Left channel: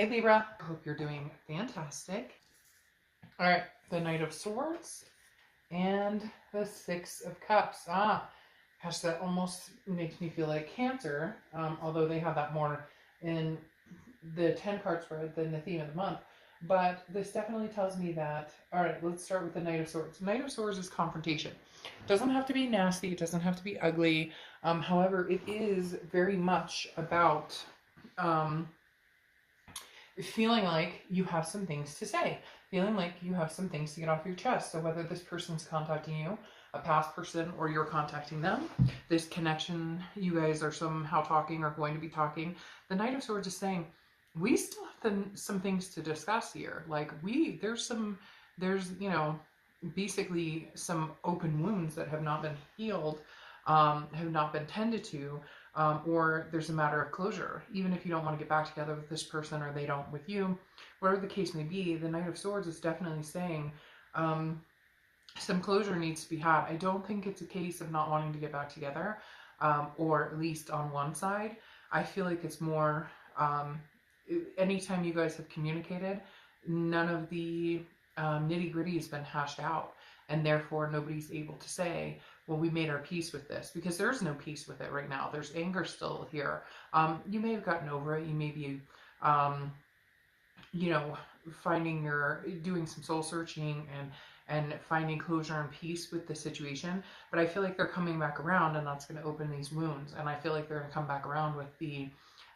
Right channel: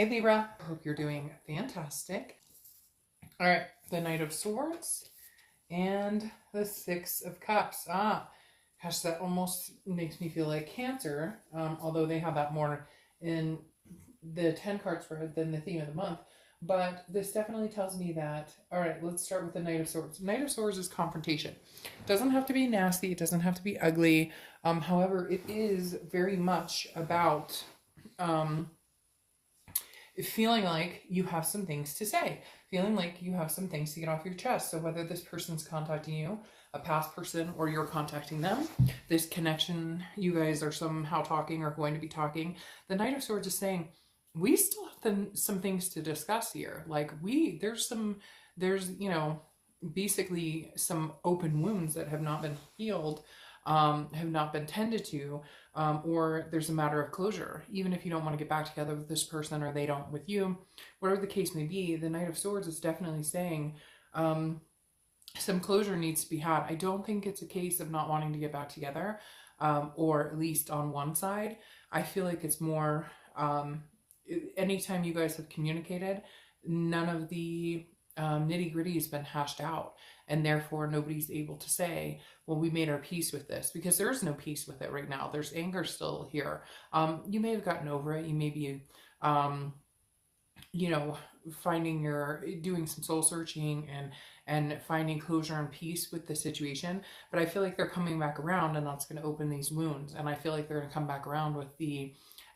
Hey Libra, I hope you're doing fantastic. All right, the Knight of Swords and the Six of Cups. Gosh, that almost makes me feel like Cancer, although they have that more in the 10 cards than the theme of the month. But this definitely tells me that, all right, let's start with the Knight of Swords. The Knight of Swords is confrontation. It doesn't have to be nasty. It doesn't have to be ugly. However, it is very much about feeling like you have some things to say, feeling like you have some things to get off your chest. So whether this person's contacting you, a past person, or you're contacting them, this connection, you guys are somehow talking or going to be talking, the Knight of Swords is saying, we still have some things to discuss here. Like there's basically some open wounds that have not been healed, have not been tended to, or there's a matter of closure. Even if you don't want to get back together with this person or they don't with you, whatever the case may be, the Knight of Swords is definitely saying some closure needs to be had. I don't think it's a case of not wanting to get back together, or at least on one side. I feel like it's more anytime you guys have communicated, none of the nitty-gritty has been hashed out, and therefore nobody's able to say, well, we made our peace with this, because there's no peace with it right now. There's anger still here. You may have gotten over it. You may be doing some soul searching and finding closure and peace with the situation, but I feel like they're coming back around, and that's going to open these wounds. And I feel like they're going to come back around with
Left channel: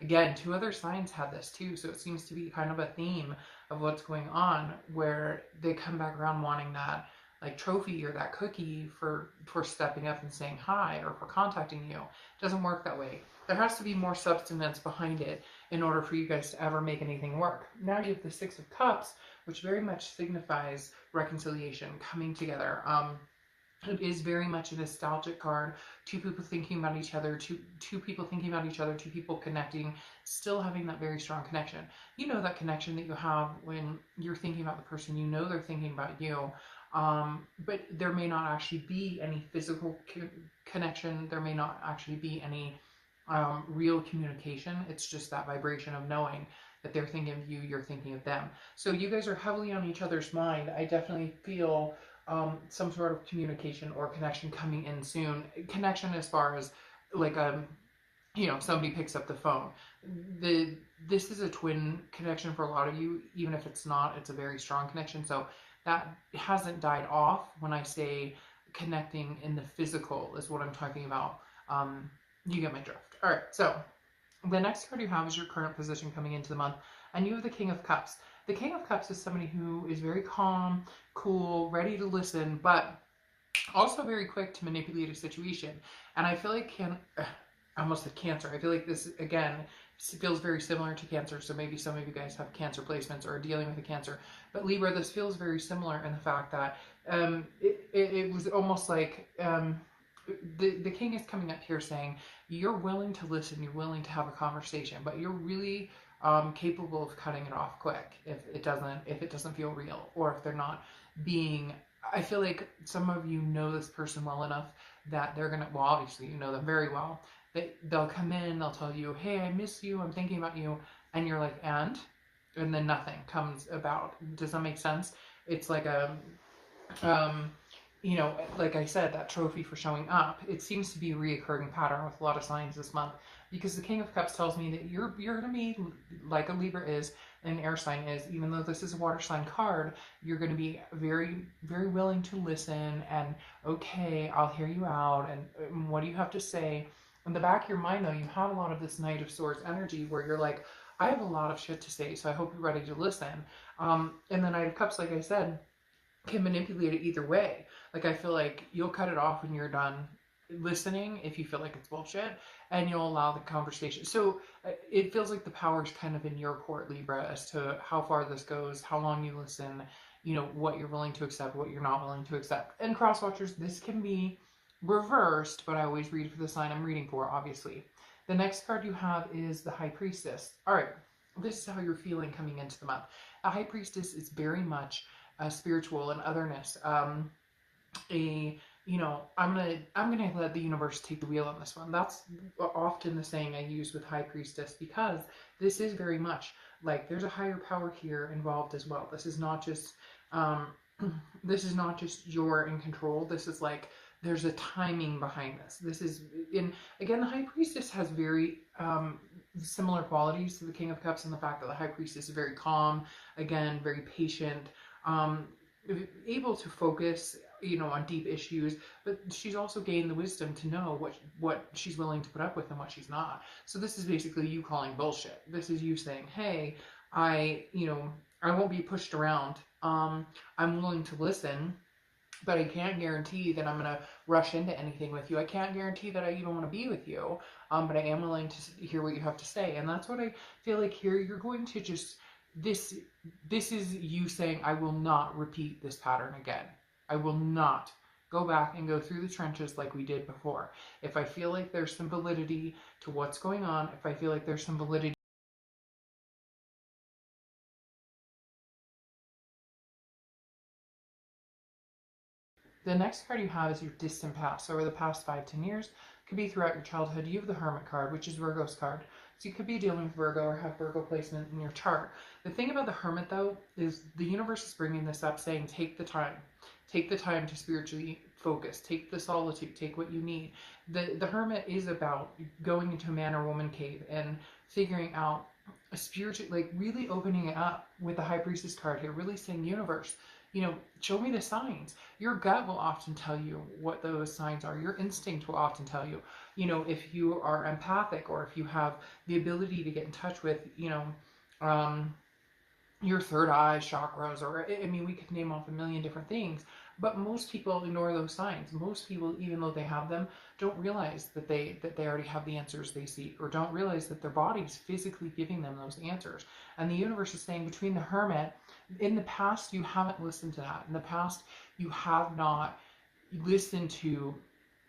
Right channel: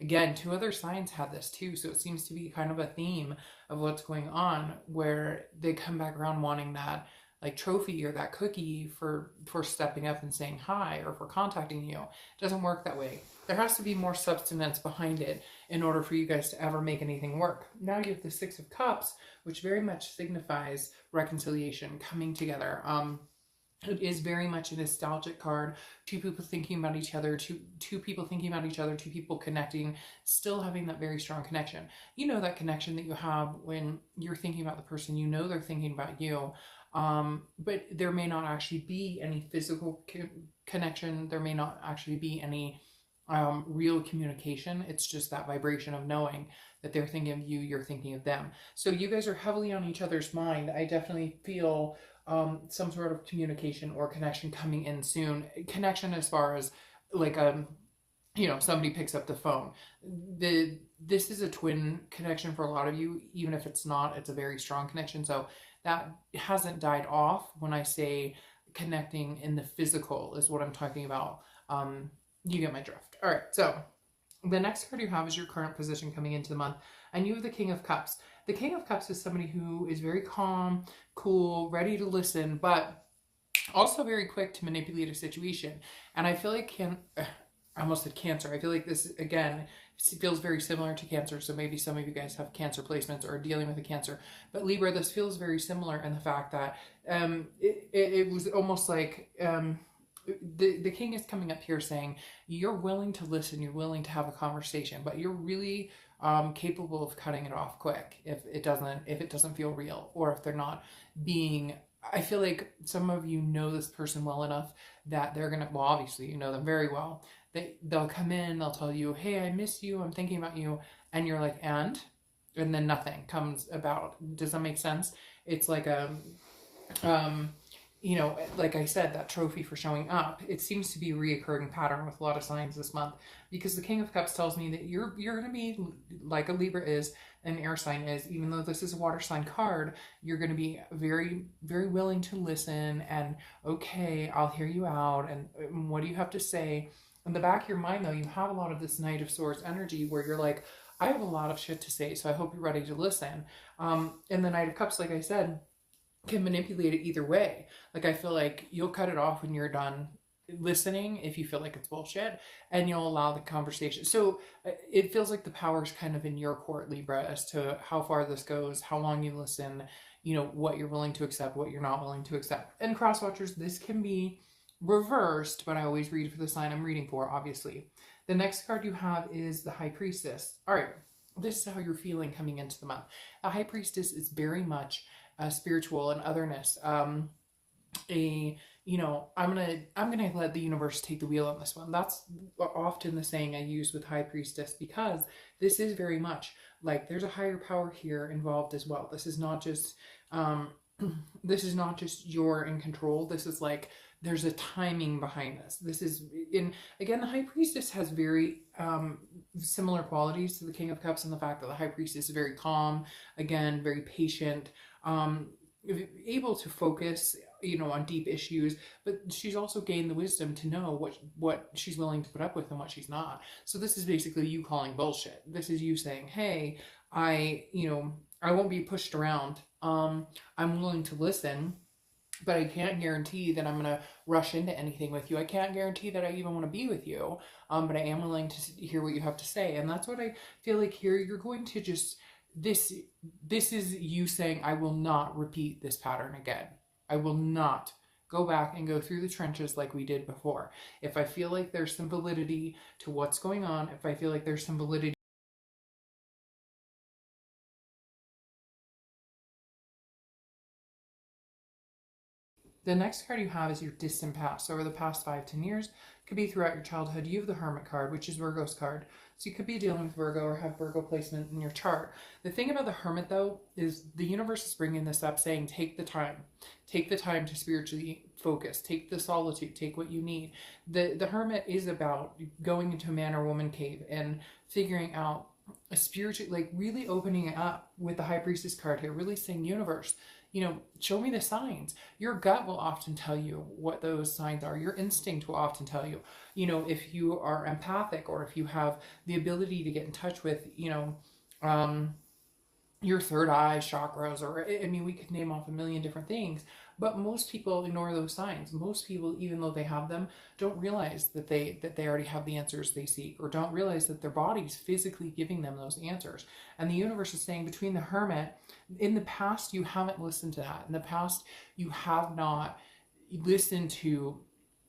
again, 2 other signs had this too, so it seems to be kind of a theme of what's going on, where they come back around wanting that like trophy or that cookie for stepping up and saying hi, or for contacting you. It doesn't work that way. There has to be more substance behind it in order for you guys to ever make anything work. Now you have the Six of Cups, which very much signifies reconciliation, coming together. It is very much a nostalgic card. 2 people thinking about each other, two people thinking about each other, 2 people connecting, still having that very strong connection. You know that connection that you have when you're thinking about the person, you know they're thinking about you, but there may not actually be any physical connection. There may not actually be any real communication. It's just that vibration of knowing that they're thinking of you, you're thinking of them. So you guys are heavily on each other's mind. I definitely feel some sort of communication or connection coming in soon. Connection as far as like somebody picks up the phone. This is a twin connection for a lot of you. Even if it's not, it's a very strong connection. So that hasn't died off. When I say connecting in the physical is what I'm talking about. You get my drift. All right, so the next card you have is your current position coming into the month, and you have the King of Cups. The King of Cups is somebody who is very calm, cool, ready to listen, but also very quick to manipulate a situation. And I feel like I almost said Cancer. I feel like this, again, feels very similar to Cancer. So maybe some of you guys have Cancer placements or are dealing with a Cancer. But Libra, this feels very similar in the fact that it was almost like the King is coming up here saying, you're willing to listen, you're willing to have a conversation, but you're really capable of cutting it off quick if it doesn't feel real, or if they're not being. I feel like some of you know this person well enough that they're gonna, well, obviously you know them very well. They'll come in, they'll tell you, hey, I miss you, I'm thinking about you, and you're like, and then nothing comes about. Does that make sense? It's like a like I said, that trophy for showing up. It seems to be a reoccurring pattern with a lot of signs this month, because the King of Cups tells me that you're going to be like a Libra is, an air sign is. Even though this is a water sign card, you're going to be very, very willing to listen, and okay, I'll hear you out, and what do you have to say? In the back of your mind, though, you have a lot of this Knight of Swords energy where you're like, I have a lot of shit to say, so I hope you're ready to listen. And the Knight of Cups, like I said, can manipulate it either way. Like, I feel like you'll cut it off when you're done listening if you feel like it's bullshit, and you'll allow the conversation. So it feels like the power's kind of in your court, Libra, as to how far this goes, how long you listen, what you're willing to accept, what you're not willing to accept. And cross watchers, this can be reversed, but I always read for the sign I'm reading for, obviously. The next card you have is the High Priestess. All right, this is how you're feeling coming into the month. The High Priestess is very much spiritual and otherness, a you know, I'm gonna let the universe take the wheel on this one. That's often the saying I use with High Priestess, because this is very much like there's a higher power here involved as well. This is not just um this is not just you're in control. This is like there's a timing behind this. This is in again, the High Priestess has very similar qualities to the King of Cups, in the fact that the High Priestess is very calm, again, very patient, um able to focus, you know, on deep issues, but she's also gained the wisdom to know what she's willing to put up with and what she's not. So this is basically you calling bullshit. This is you saying, hey, you know, I won't be pushed around. I'm willing to listen, but I can't guarantee that I'm going to rush into anything with you. I can't guarantee that I even want to be with you, but I am willing to hear what you have to say. And that's what I feel like here. You're going to just, this is you saying, I will not repeat this pattern again. I will not go back and go through the trenches like we did before. If I feel like there's some validity to what's going on, if I feel like there's some validity. The next card you have is your distant past. So over the past 5-10 years, could be throughout your childhood. You have the Hermit card, which is Virgo's card. So you could be dealing with Virgo or have Virgo placement in your chart. The thing about the Hermit, though, is the universe is bringing this up, saying take the time. Take the time to spiritually focus. Take the solitude. Take what you need. The Hermit is about going into a man or woman cave and figuring out a spiritual, like really opening it up with the High Priestess card here, really saying, universe, you know, show me the signs. Your gut will often tell you what those signs are. Your instinct will often tell you, you know, if you are empathic or if you have the ability to get in touch with, you know, your third eye chakras, or I mean, we could name off a million different things, but most people ignore those signs. Most people, even though they have them, don't realize that they already have the answers they seek, or don't realize that their body's physically giving them those answers. And the universe is saying, between the Hermit, in the past you haven't listened to that. In the past you have not listened to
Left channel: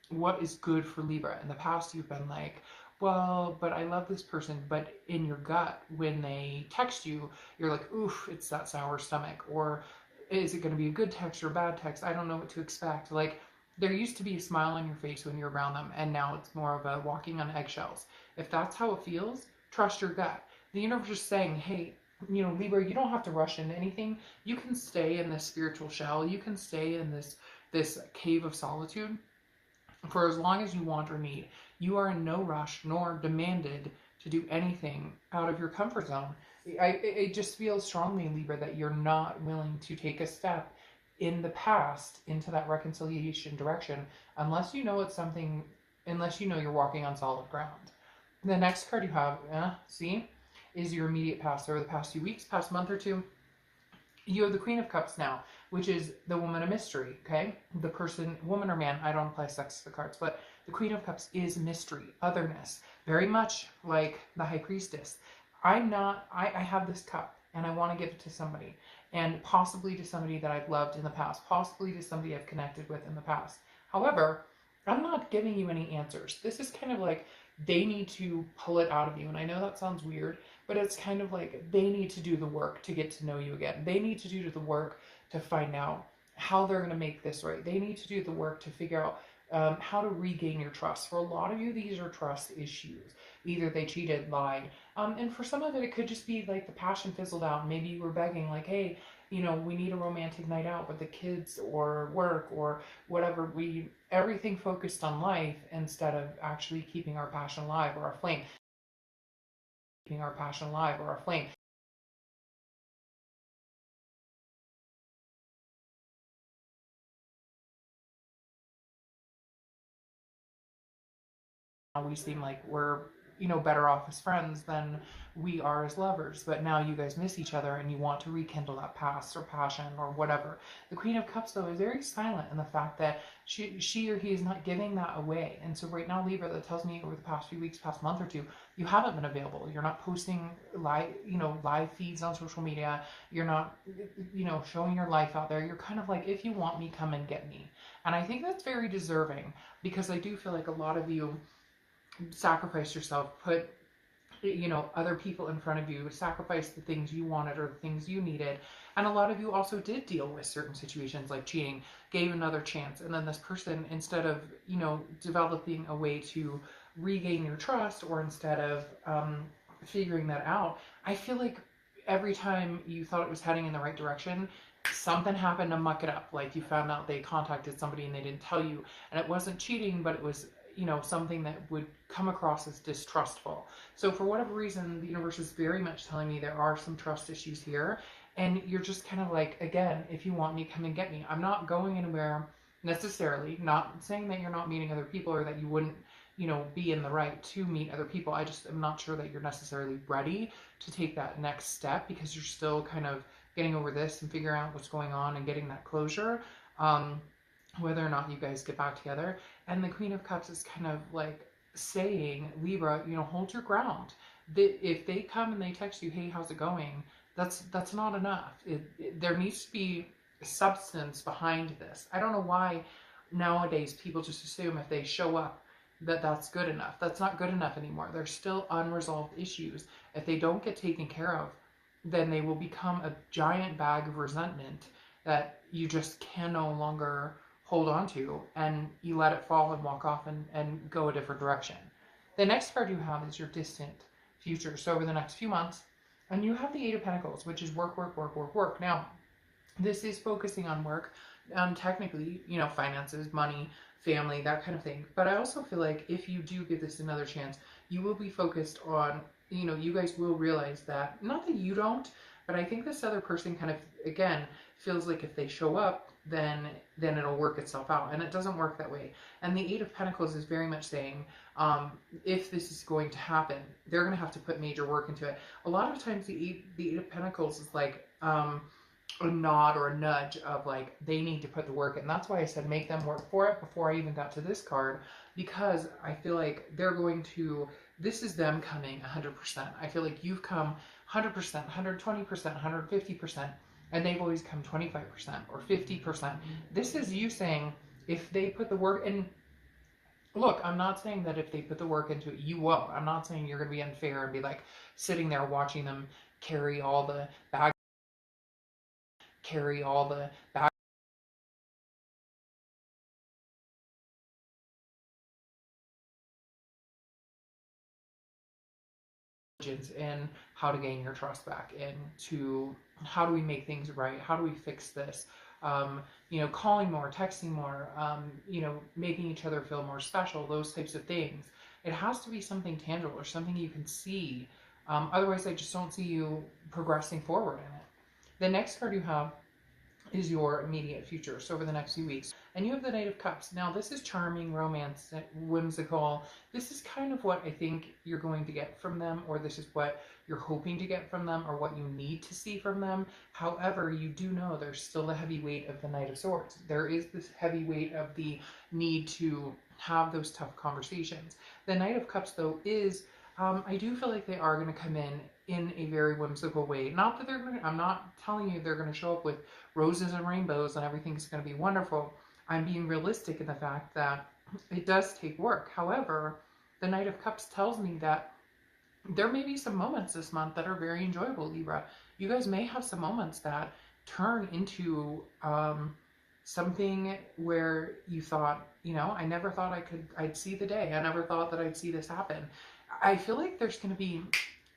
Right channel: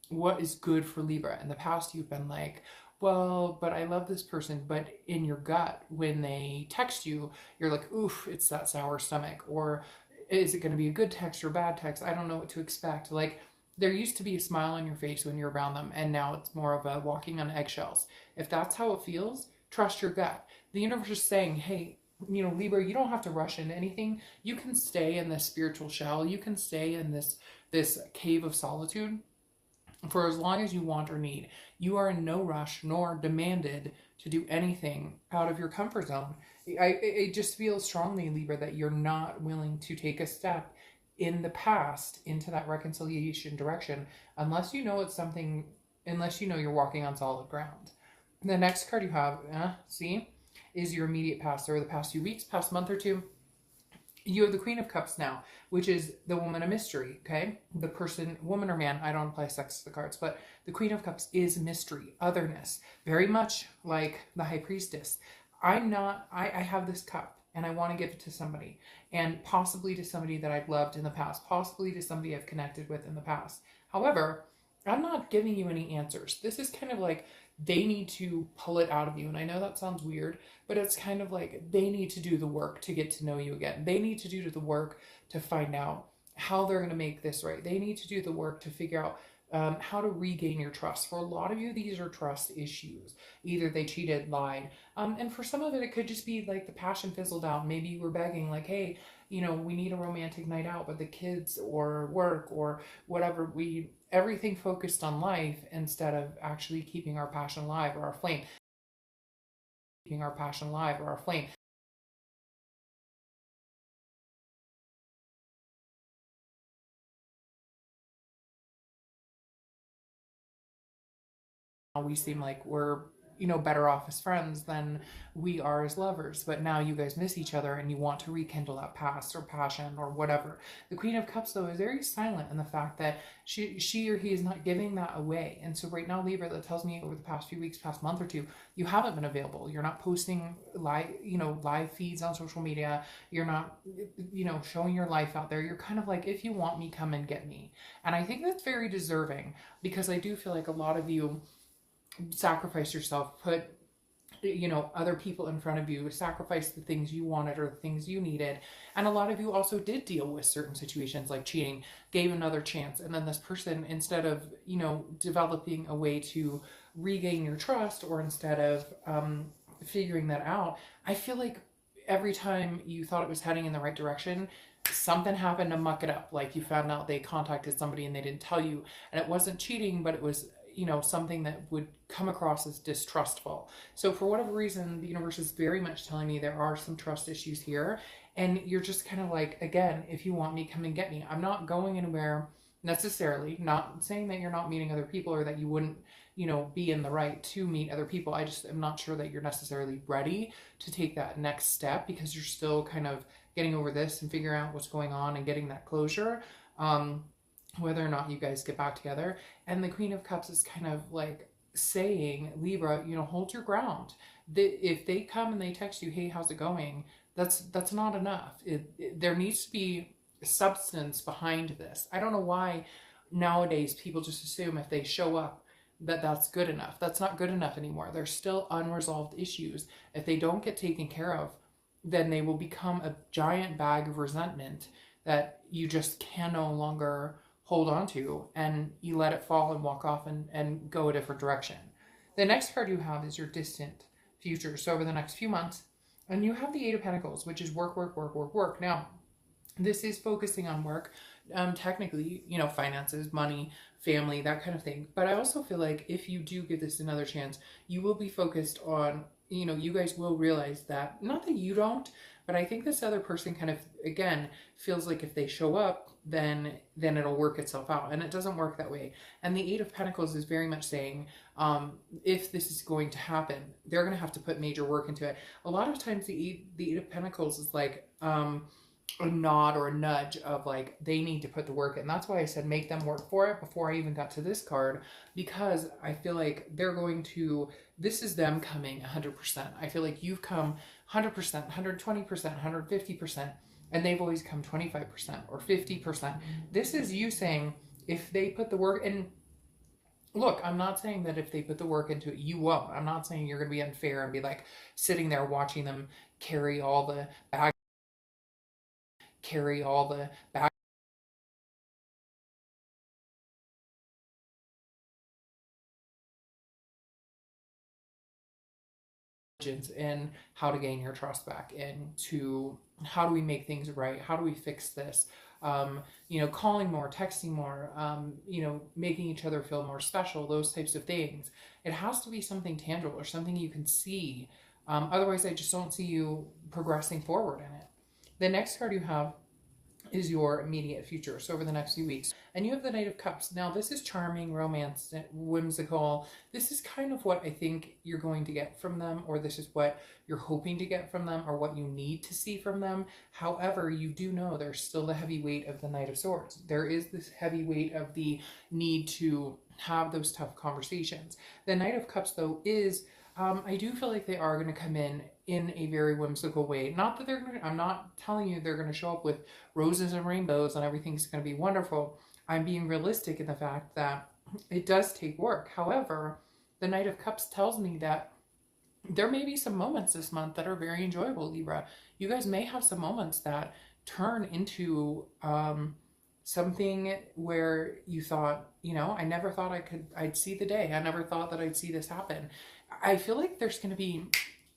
what is good for Libra. In the past you've been like, well, but I love this person, but in your gut, when they text you, you're like, oof, it's that sour stomach. Or is it going to be a good text or a bad text? I don't know what to expect. Like, there used to be a smile on your face when you're around them, and now it's more of a walking on eggshells. If that's how it feels, trust your gut. The universe is saying, hey, you know, Libra, you don't have to rush into anything. You can stay in this spiritual shell. You can stay in this cave of solitude for as long as you want or need. You are in no rush nor demanded to do anything out of your comfort zone. I just feel strongly, Libra, that you're not willing to take a step in the past into that reconciliation direction unless you know it's something, unless you know you're walking on solid ground. The next card you have, see, is your immediate past, or the past few weeks, past month or two. You have the Queen of Cups now, which is the woman of mystery, okay? The person, woman or man, I don't apply sex to the cards, but the Queen of Cups is mystery, otherness, very much like the High Priestess. I have this cup and I want to give it to somebody, and possibly to somebody that I've loved in the past, possibly to somebody I've connected with in the past. However, I'm not giving you any answers. This is kind of like they need to pull it out of you. And I know that sounds weird, but it's kind of like they need to do the work to get to know you again. They need to do the work to find out how they're going to make this right. They need to do the work to figure out how to regain your trust. For a lot of you, these are trust issues. Either they cheated, lied, and for some of it, it could just be like the passion fizzled out. Maybe you were begging, like, hey, you know, we need a romantic night out with the kids or work or whatever. Everything focused on life instead of actually keeping our passion alive or our flame. Keeping our passion alive or our flame. We seem like we're, you know, better off as friends than we are as lovers, but now you guys miss each other and you want to rekindle that past or passion or whatever. The Queen of Cups, though, is very silent in the fact that she or he is not giving that away. And so right now, Libra, that tells me over the past few weeks, past month or two, you haven't been available. You're not posting live feeds on social media. You're not, you know, showing your life out there. You're kind of like, if you want me, come and get me. And I think that's very deserving, because I do feel like a lot of you sacrifice yourself, put you know, other people in front of you, sacrificed the things you wanted or the things you needed. And a lot of you also did deal with certain situations like cheating, gave another chance. And then this person, instead of, you know, developing a way to regain your trust, or instead of figuring that out, I feel like every time you thought it was heading in the right direction, something happened to muck it up. Like you found out they contacted somebody and they didn't tell you, and it wasn't cheating, but it was, you know, something that would come across as distrustful. So for whatever reason, the universe is very much telling me there are some trust issues here, and you're just kind of like, again, if you want me, come and get me. I'm not going anywhere necessarily, not saying that you're not meeting other people or that you wouldn't, you know, be in the right to meet other people. I just am not sure that you're necessarily ready to take that next step, because you're still kind of getting over this and figuring out what's going on and getting that closure, whether or not you guys get back together. And the Queen of Cups is kind of like saying, Libra, you know, hold your ground. If they come and they text you, hey, how's it going? That's not enough. There needs to be substance behind this. I don't know why nowadays people just assume if they show up that that's good enough. That's not good enough anymore. There's still unresolved issues. If they don't get taken care of, then they will become a giant bag of resentment that you just can no longer hold on to, and you let it fall and walk off and go a different direction. The next card you have is your distant future. So over the next few months, and you have the Eight of Pentacles, which is work, work, work, work, work. Now, this is focusing on work, technically, you know, finances, money, family, that kind of thing. But I also feel like if you do give this another chance, you will be focused on, you know, you guys will realize that, not that you don't, but I think this other person kind of, again, feels like if they show up, then it'll work itself out. And it doesn't work that way. And the Eight of Pentacles is very much saying, if this is going to happen, they're going to have to put major work into it. A lot of times the Eight of Pentacles is like a nod or a nudge of like, they need to put the work in. That's why I said make them work for it before I even got to this card, because I feel like they're going to, this is them coming 100%. I feel like you've come 100%, 120%, 150%, and they've always come 25% or 50%. This is you saying, if they put the work in, look, I'm not saying that if they put the work into it, you won't. I'm not saying you're going to be unfair and be like sitting there watching them carry all the baggage, and how to gain your trust back, and to how do we make things right, how do we fix this, you know, calling more, texting more, you know, making each other feel more special, those types of things. It has to be something tangible or something you can see. Otherwise I just don't see you progressing forward in it. The next card you have is your immediate future, so over the next few weeks. And you have the Knight of Cups. Now this is charming, romance, whimsical. This is kind of what I think you're going to get from them, or this is what you're hoping to get from them, or what you need to see from them. However, you do know there's still the heavy weight of the Knight of Swords. There is this heavy weight of the need to have those tough conversations. The Knight of Cups, though, is I do feel like they are going to come in a very whimsical way. Not that they're going to, I'm not telling you they're going to show up with roses and rainbows and everything's going to be wonderful. I'm being realistic in the fact that it does take work. However, the Knight of Cups tells me that there may be some moments this month that are very enjoyable, Libra. You guys may have some moments that turn into something where you thought, you know, I never thought I'd see the day. I never thought that I'd see this happen. I feel like there's going to be,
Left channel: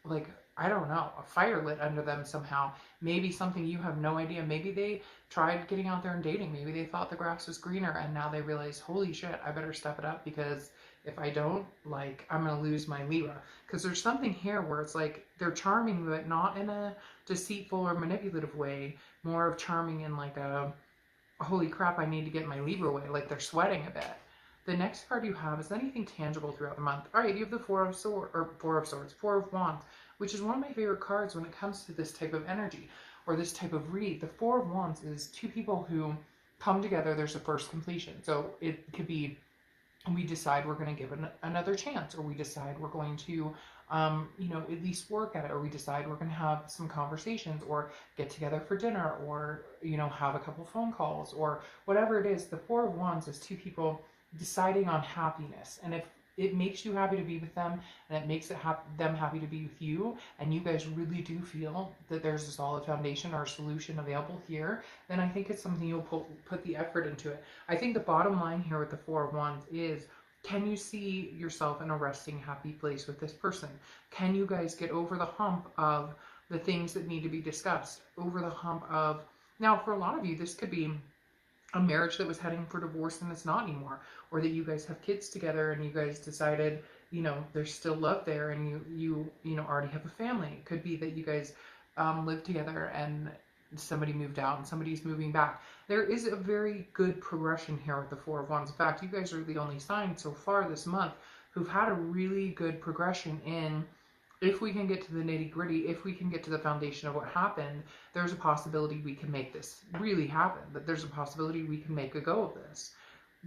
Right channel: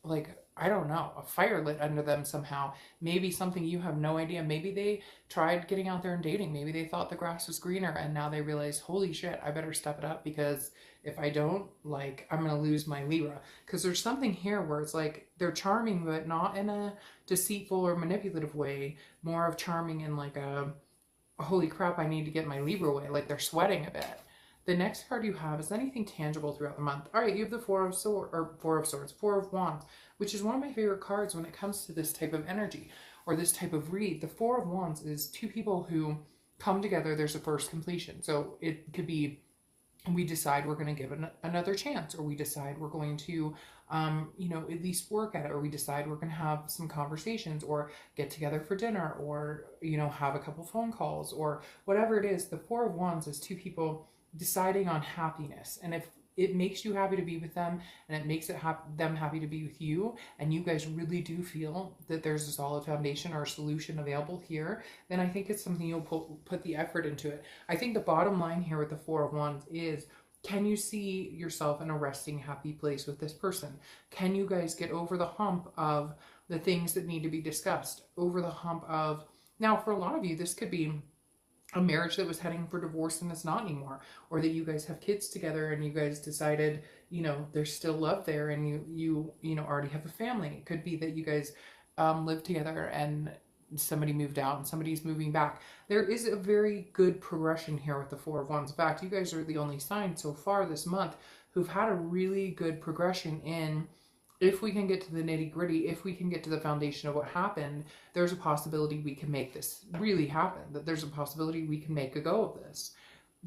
like, I don't know, a fire lit under them somehow. Maybe something you have no idea. Maybe they tried getting out there and dating. Maybe they thought the grass was greener and now they realize, holy shit, I better step it up, because if I don't, like, I'm going to lose my Libra. Because there's something here where it's like they're charming, but not in a deceitful or manipulative way. More of charming in like a, holy crap, I need to get my Libra way. Like they're sweating a bit. The next card you have is anything tangible throughout the month. All right, you have the Four of Wands, which is one of my favorite cards when it comes to this type of energy or this type of read. The Four of Wands is two people who come together. There's a first completion. So it could be, we decide we're going to give it another chance, or we decide we're going to, you know, at least work at it, or we decide we're going to have some conversations, or get together for dinner, or, you know, have a couple phone calls, or whatever it is. The Four of Wands is two people deciding on happiness. And it makes you happy to be with them, and it makes them happy to be with you, and you guys really do feel that there's a solid foundation or a solution available here, then I think it's something you'll put the effort into it. I think the bottom line here with the Four of Wands is, can you see yourself in a resting, happy place with this person? Can you guys get over the hump of the things that need to be discussed? Over the hump of, now for a lot of you, this could be a marriage that was heading for divorce and it's not anymore. Or that you guys have kids together and you guys decided, you know, there's still love there and you know, already have a family. It could be that you guys live together and somebody moved out and somebody's moving back. There is a very good progression here with the Four of Wands. In fact, you guys are the only sign so far this month who've had a really good progression in, if we can get to the nitty gritty, if we can get to the foundation of what happened, there's a possibility we can make this really happen, that there's a possibility we can make a go of this.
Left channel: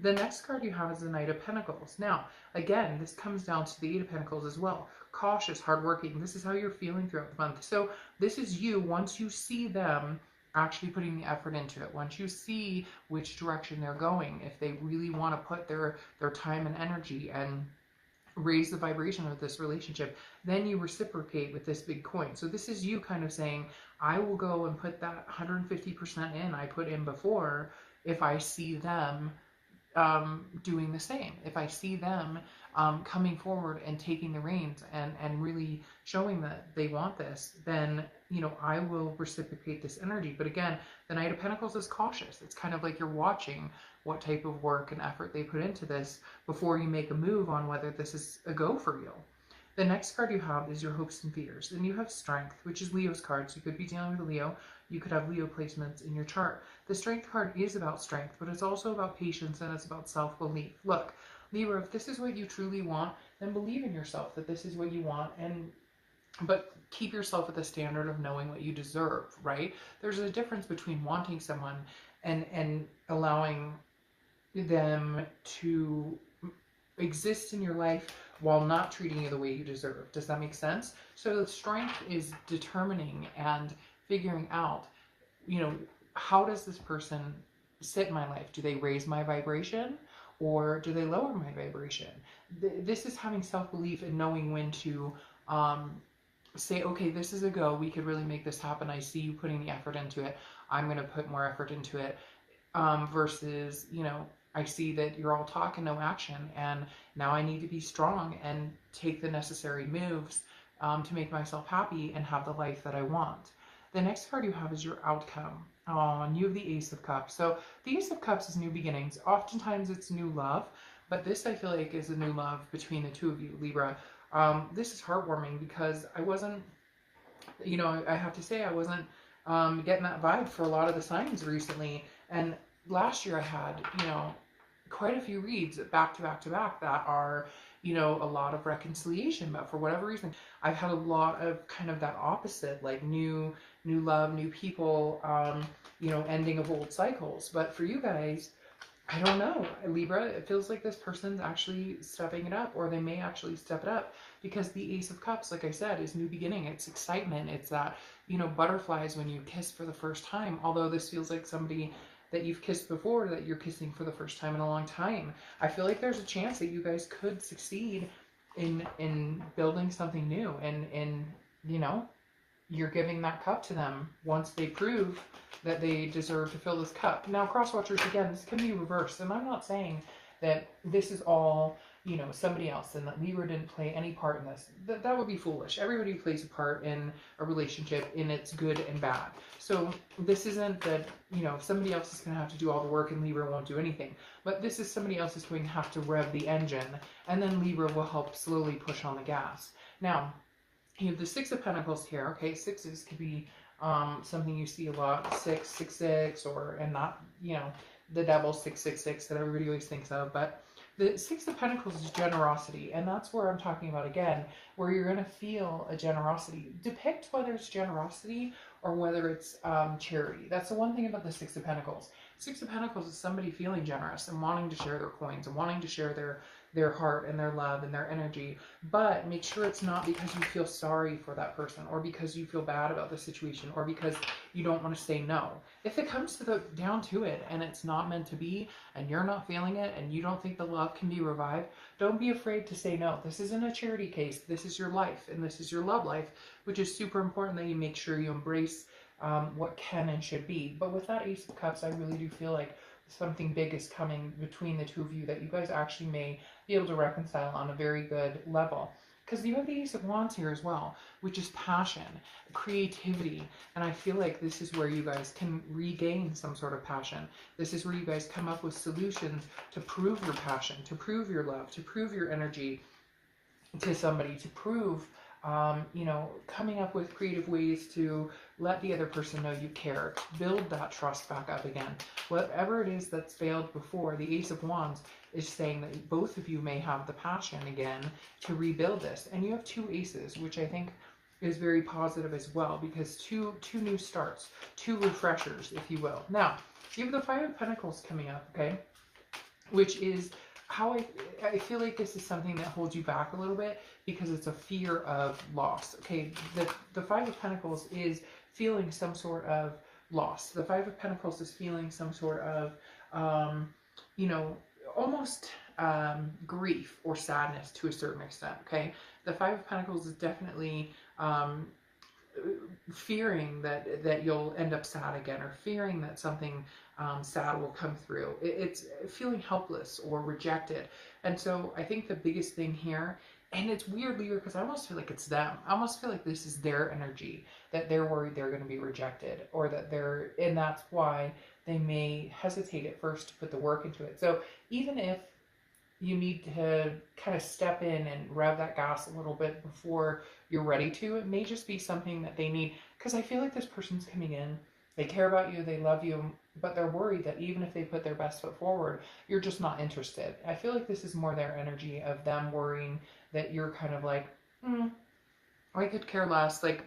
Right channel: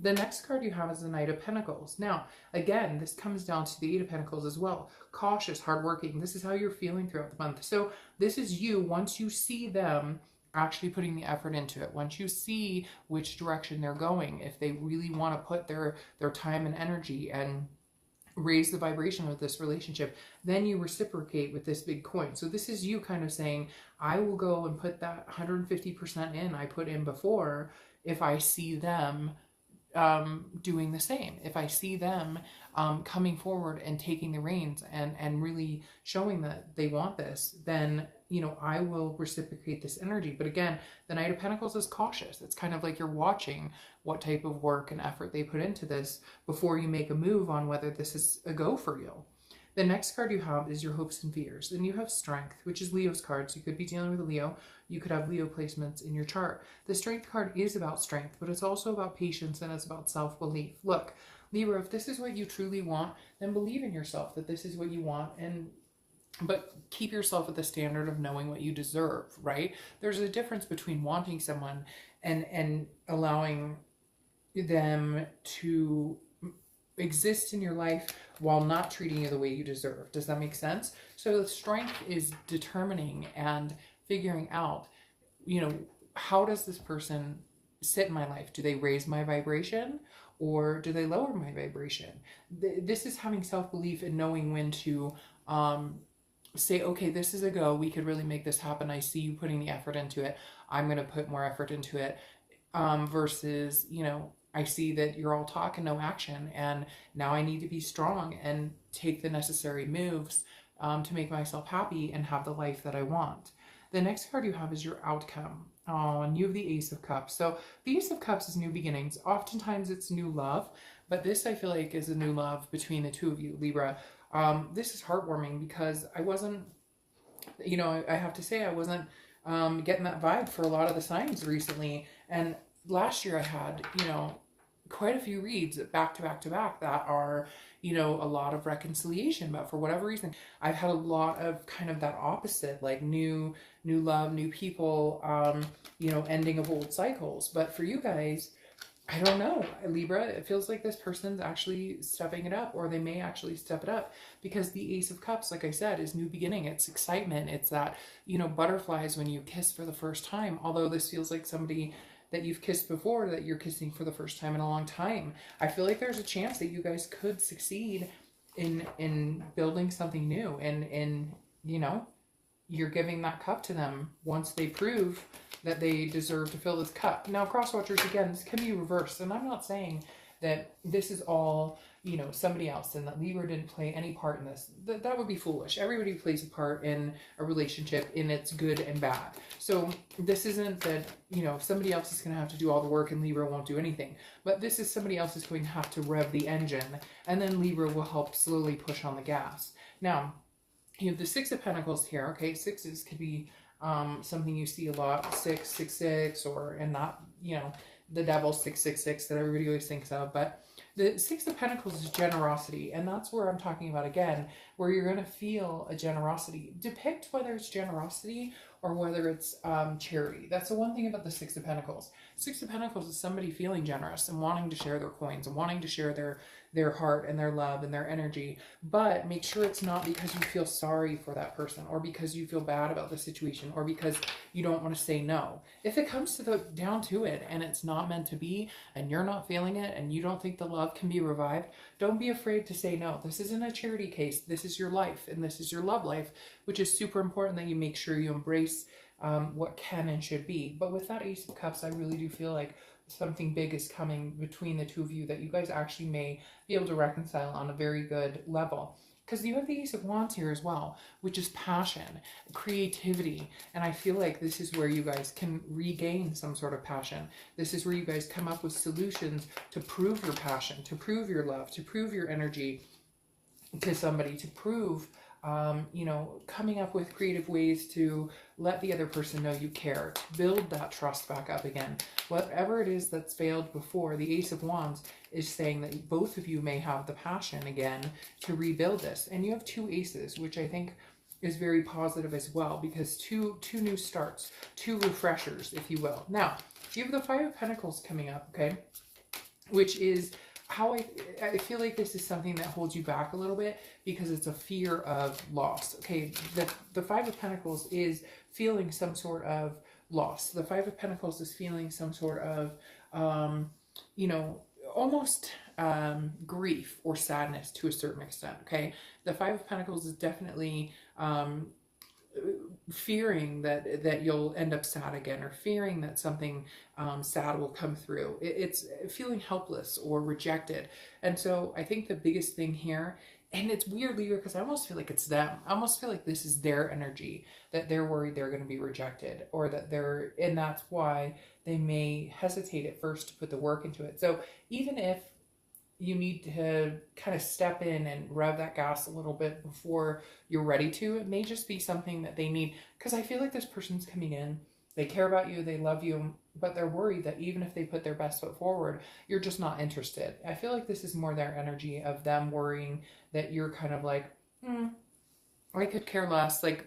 The next card you have is the Knight of Pentacles. Now, again, this comes down to the Eight of Pentacles as well. Cautious, hardworking. This is how you're feeling throughout the month. So this is you, once you see them actually putting the effort into it, once you see which direction they're going, if they really want to put their time and energy and raise the vibration of this relationship, then you reciprocate with this big coin. So this is you kind of saying, I will go and put that 150% in I put in before if I see them doing the same. If I see them coming forward and taking the reins and really showing that they want this, then, you know, I will reciprocate this energy. But again, the Knight of Pentacles is cautious. It's kind of like you're watching what type of work and effort they put into this before you make a move on whether this is a go for you. The next card you have is your hopes and fears. Then you have Strength, which is Leo's card. So you could be dealing with a Leo. You could have Leo placements in your chart. The Strength card is about strength, but it's also about patience and it's about self-belief. Look, Libra, if this is what you truly want, then believe in yourself that this is what you want, but keep yourself at the standard of knowing what you deserve, right? There's a difference between wanting someone and allowing them to exist in your life while not treating you the way you deserve. Does that make sense? So the Strength is determining and figuring out, you know, how does this person sit in my life? Do they raise my vibration or do they lower my vibration? This is having self-belief and knowing when to say, okay, this is a go. We could really make this happen. I see you putting the effort into it. I'm going to put more effort into it. Versus, you know, I see that you're all talk and no action, and now I need to be strong and take the necessary moves to make myself happy and have the life that I want. The next card you have is your outcome. Oh, and you have the Ace of Cups. So the Ace of Cups is new beginnings. Oftentimes it's new love, but this I feel like is a new love between the two of you, Libra. This is heartwarming because I wasn't, you know, I have to say I wasn't getting that vibe for a lot of the signs recently. And last year I had, you know, quite a few reads back to back to back that are, you know, a lot of reconciliation, but for whatever reason I've had a lot of kind of that opposite, like new love, new people, you know, ending of old cycles. But for you guys, I don't know, Libra, it feels like this person's actually stepping it up, or they may actually step it up, because the Ace of Cups, like I said, is new beginning. It's excitement. It's that, you know, butterflies when you kiss for the first time, although this feels like somebody that you've kissed before, that you're kissing for the first time in a long time. I feel like there's a chance that you guys could succeed in building something new, and you know, you're giving that cup to them once they prove that they deserve to fill this cup. Now, cross watchers, again, this can be reversed, and I'm not saying that this is all, you know, somebody else and that Libra didn't play any part in this. That would be foolish. Everybody plays a part in a relationship, in its good and bad. So this isn't that, you know, somebody else is going to have to do all the work and Libra won't do anything. But this is somebody else is going to have to rev the engine, and then Libra will help slowly push on the gas. Now, you have the Six of Pentacles here. Okay, sixes could be something you see a lot, 666, or, and not, you know, the devil 666 that everybody always thinks of, but the Six of Pentacles is generosity, and that's where I'm talking about again, where you're going to feel a generosity. Depict whether it's generosity or whether it's charity. That's the one thing about the Six of Pentacles. Six of Pentacles is somebody feeling generous and wanting to share their coins and wanting to share their heart and their love and their energy. But make sure it's not because you feel sorry for that person, or because you feel bad about the situation, or because you don't want to say no. If it comes to down to it and it's not meant to be, and you're not feeling it, and you don't think the love can be revived, don't be afraid to say no. This isn't a charity case. This is your life, and this is your love life, which is super important that you make sure you embrace what can and should be. But with that Ace of Cups, I really do feel like something big is coming between the two of you that you guys actually may be able to reconcile on a very good level. Because you have the Ace of Wands here as well, which is passion, creativity. And I feel like this is where you guys can regain some sort of passion. This is where you guys come up with solutions to prove your passion, to prove your love, to prove your energy to somebody, to prove, you know, coming up with creative ways to let the other person know you care, to build that trust back up again. Whatever it is that's failed before, the Ace of Wands is saying that both of you may have the passion again to rebuild this. And you have two aces, which I think is very positive as well, because two new starts, two refreshers, if you will. Now, you have the Five of Pentacles coming up, okay, which is how I feel like this is something that holds you back a little bit, because it's a fear of loss. Okay, the Five of Pentacles is feeling some sort of loss. The Five of Pentacles is feeling some sort of, you know, almost grief or sadness to a certain extent. Okay, the Five of Pentacles is definitely fearing that you'll end up sad again, or fearing that something sad will come through. It's feeling helpless or rejected. And so I think the biggest thing here, and it's weirdly because I almost feel like it's them. I almost feel like this is their energy, that they're worried they're going to be rejected, or that and that's why they may hesitate at first to put the work into it. So even if you need to kind of step in and rev that gas a little bit before you're ready to, it may just be something that they need. Because I feel like this person's coming in, they care about you, they love you, but they're worried that even if they put their best foot forward, you're just not interested. I feel like this is more their energy of them worrying that you're kind of like, I could care less. Like,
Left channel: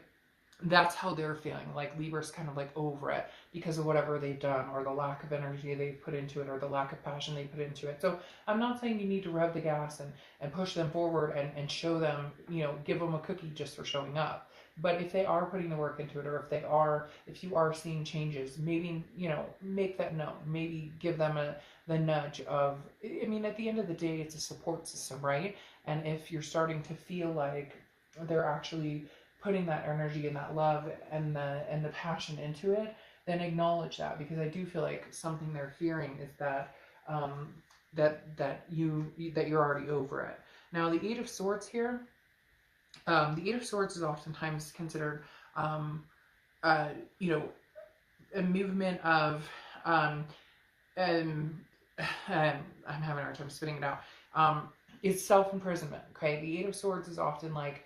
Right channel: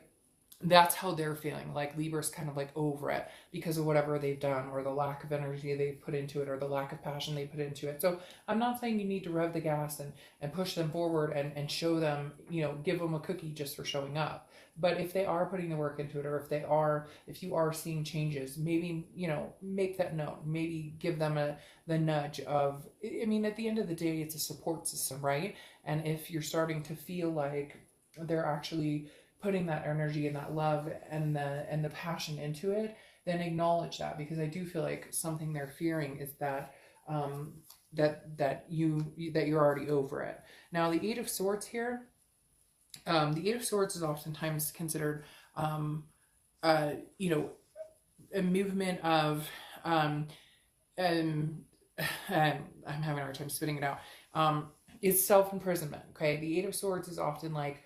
that's how they're feeling. Like Libra's kind of like over it because of whatever they've done, or the lack of energy they put into it, or the lack of passion they put into it. So I'm not saying you need to rev the gas and push them forward and show them, you know, give them a cookie just for showing up. But if they are putting the work into it, or if you are seeing changes, maybe, you know, make that known. Maybe give them the nudge of, I mean, at the end of the day, it's a support system, right? And if you're starting to feel like they're actually putting that energy and that love and the passion into it, then acknowledge that, because I do feel like something they're fearing is that that you're already over it. Now the Eight of Swords here, the Eight of Swords is oftentimes considered you know, a movement of I'm having a hard time spitting it out. It's self-imprisonment. Okay, the Eight of Swords is often like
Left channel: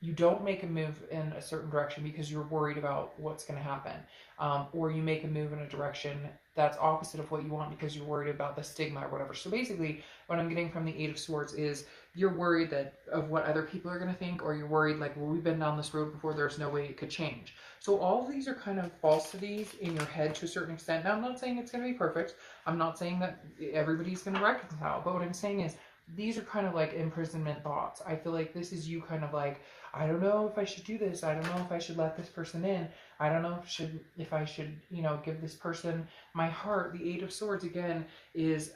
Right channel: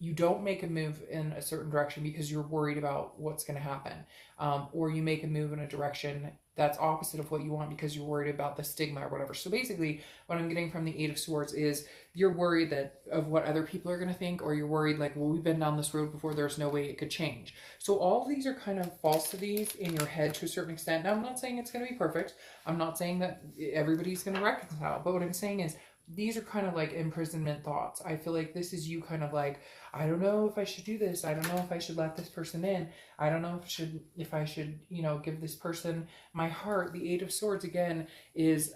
you don't make a move in a certain direction because you're worried about what's going to happen, or you make a move in a direction that's opposite of what you want because you're worried about the stigma or whatever. So basically what I'm getting from the Eight of Swords is you're worried of what other people are going to think, or you're worried like, well, we've been down this road before, there's no way it could change. So all of these are kind of falsities in your head to a certain extent. Now, I'm not saying it's going to be perfect. I'm not saying that everybody's going to reconcile, but what I'm saying is these are kind of like imprisonment thoughts. I feel like this is you kind of like, I don't know if I should do this. I don't know if I should let this person in. I don't know if I should, you know, give this person my heart. The Eight of Swords, again, is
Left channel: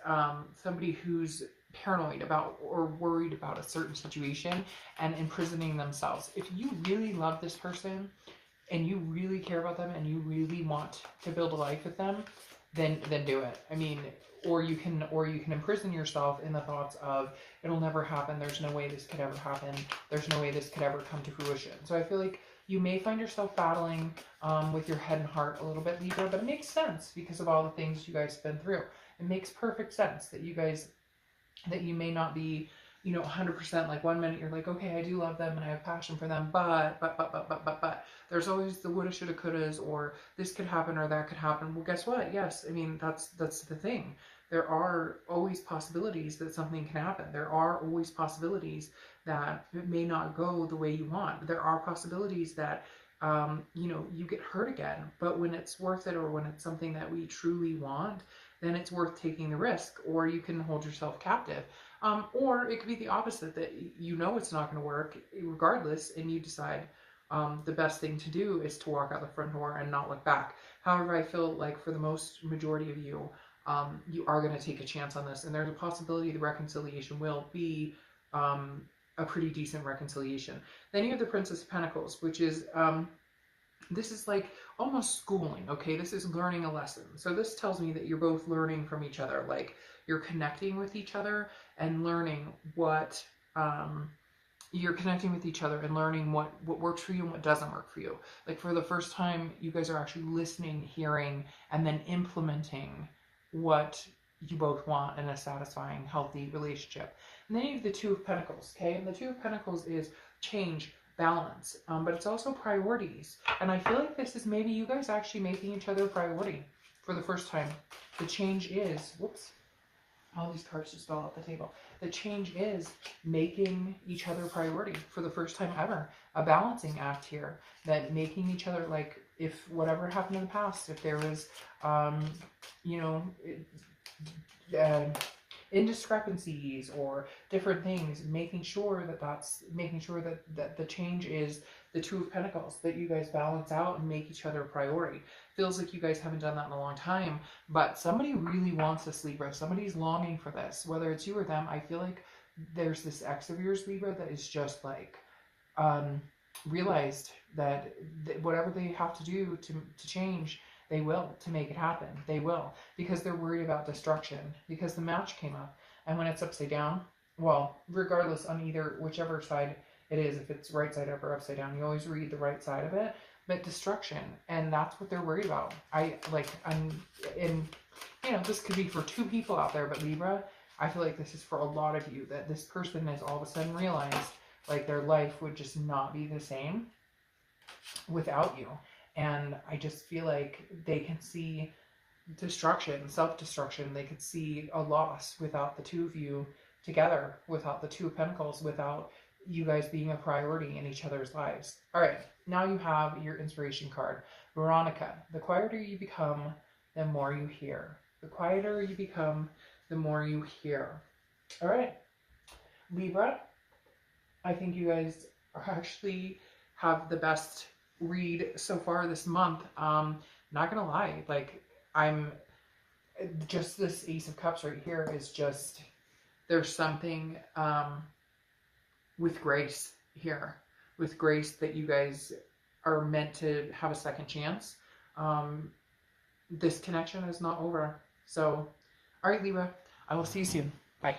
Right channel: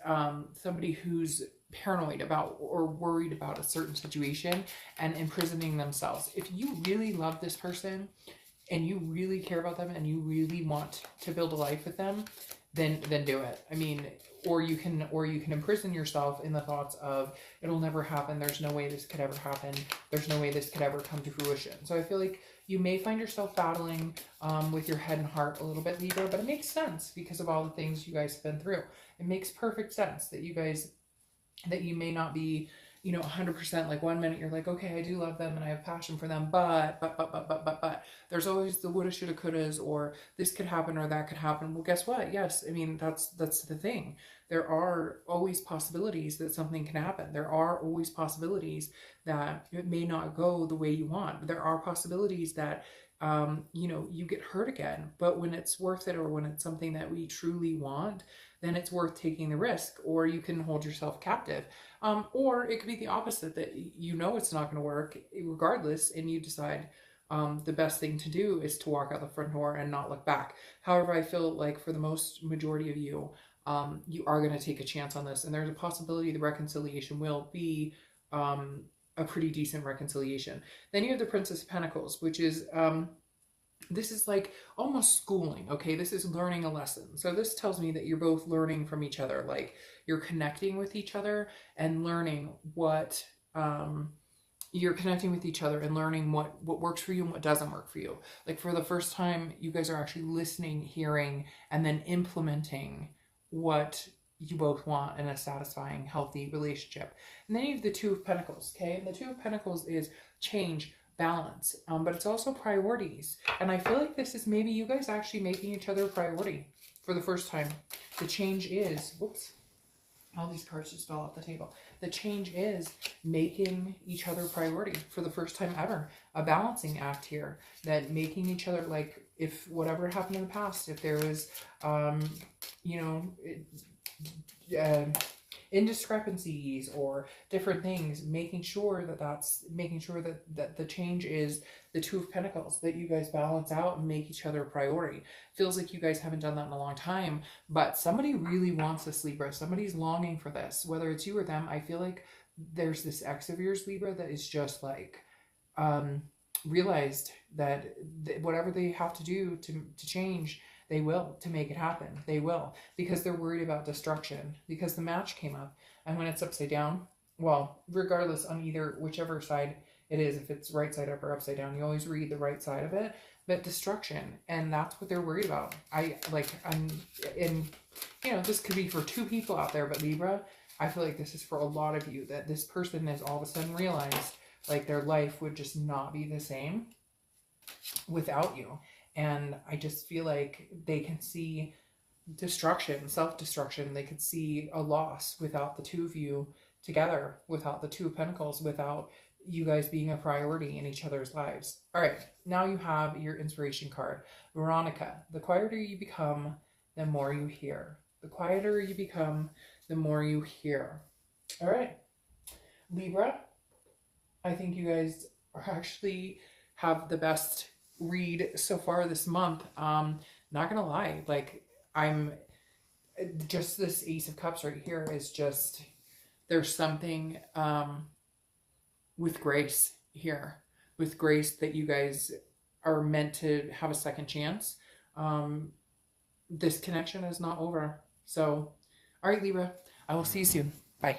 somebody who's paranoid about or worried about a certain situation and imprisoning themselves. If you really love this person and you really care about them and you really want to build a life with them, then do it. I mean, or you can imprison yourself in the thoughts of it'll never happen, there's no way this could ever happen, there's no way this could ever come to fruition. So I feel like you may find yourself battling with your head and heart a little bit, Libra, but it makes sense because of all the things you guys have been through. It makes perfect sense that you may not be, you know, 100%. Like one minute you're like, okay, I do love them and I have passion for them, but there's always the woulda, shoulda, couldas, or this could happen or that could happen. Well, guess what? Yes, I mean, that's the thing. There are always possibilities that something can happen. There are always possibilities that it may not go the way you want. There are possibilities that, you know, you get hurt again, but when it's worth it, or when it's something that we truly want, then it's worth taking the risk, or you can hold yourself captive. Or it could be the opposite, that you know it's not going to work regardless, and you decide the best thing to do is to walk out the front door and not look back. However, I feel like for the most majority of you, you are going to take a chance on this, and there's a possibility the reconciliation will be a pretty decent reconciliation. Then you have the Princess of Pentacles, which is this is like almost schooling, okay? This is learning a lesson. So this tells me that you're both learning from each other, like you're connecting with each other and learning what what works for you and what doesn't work for you. Like for the first time, you guys are actually listening, hearing, and then implementing what you both want in a satisfying, healthy relationship. And then you have the Two of Pentacles, okay? And the Two of Pentacles is change, balance, but it's also priorities. And I feel like this is maybe you guys actually making each other a priority for the first time. The change is, whoops, all these cards just fell off the table. The change is making each other a priority for the first time ever. A balancing act here, that making each other, like, if whatever happened in the past, if there was, you know, indiscrepancies or different things, making sure that the change is the Two of Pentacles, that you guys balance out and make each other a priority. Feels like you guys haven't done that in a long time, but somebody really wants this, Libra. Somebody's longing for this, whether it's you or them. I feel like there's this ex of yours, Libra, that is just like realized that whatever they have to do to change, they will, to make it happen. They will, because they're worried about destruction, because the match came up. And when it's upside down, well, regardless on whichever side it is, if it's right side up or upside down, you always read the right side of it, but destruction. And that's what they're worried about. You know, this could be for two people out there, but Libra, I feel like this is for a lot of you, that this person has all of a sudden realized like their life would just not be the same without you. And I just feel like they can see destruction, self-destruction. They can see a loss without the two of you together, without the Two of Pentacles, without you guys being a priority in each other's lives. All right, now you have your inspiration card, Veronica. The quieter you become, the more you hear. The quieter you become, the more you hear. All right, Libra, I think you guys are actually have the best read so far this month. Not gonna lie, like I'm just, this Ace of Cups right here is just, there's something with grace here, with grace, that you guys are meant to have a second chance. This connection is not over. So, all right, Libra, I will see you soon. Bye.